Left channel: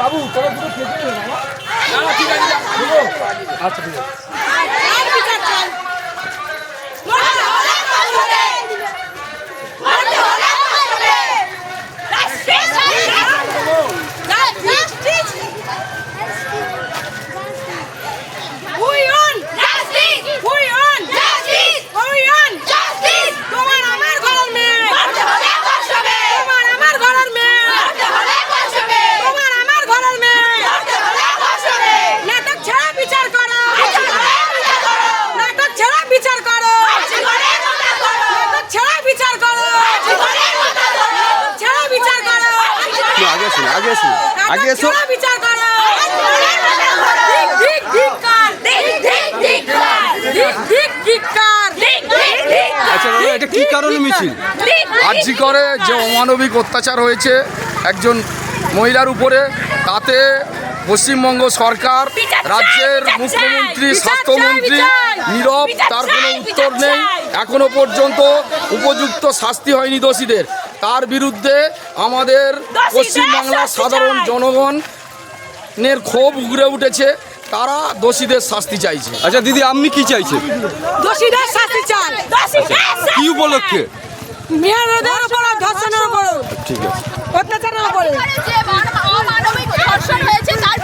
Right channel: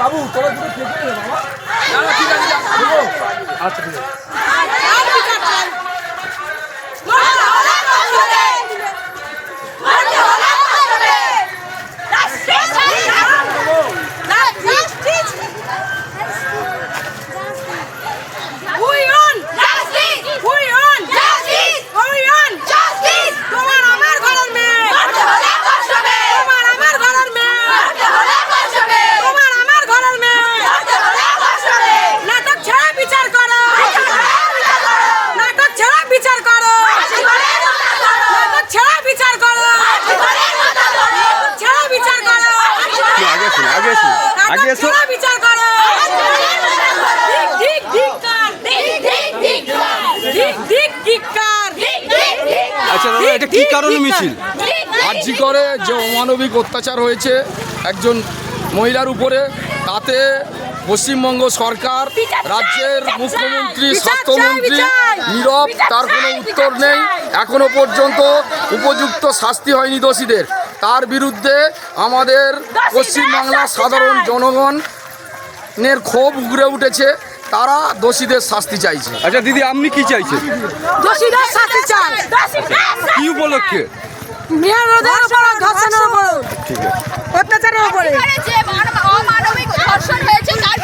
বাবু তোরা দুটো খেতে দে বাবা। না ঠিক আছে আচ্ছা ঠিক আছে। আগে এসো বিচার করো। আচ্ছা দাদা, এটা কি কারণে মিছিল? আরজি করে যে অমানবিক অত্যাচার হয়েছে একজন মহিলার উপরে, তাতে পশ্চিমবঙ্গ সরকার, রাজ্যের মুখ্যমন্ত্রী, স্বাস্থ্যমন্ত্রী নীরব, তার কোনো উত্তর নেই। এখনো পর্যন্ত উপযুক্ত শাস্তি হয়নি দোষীদের। তার বিরুদ্ধে আমাদের পশ্চিমবাংলার সাধারণ জনগণের ক্ষোভ উগরে উঠেছে, তারা দোষীদের শাস্তি চাইছে। আচ্ছা দিদি, আপনি কি চাইছেন? দোষীদের শাস্তি চাই। কি উপলক্ষে? মেয়েদের উপর ধর্ষণের উপর, ঠিক আছে, অত্যাচারের উপরে অমানবিক ধর্ষণ হয়েছে তার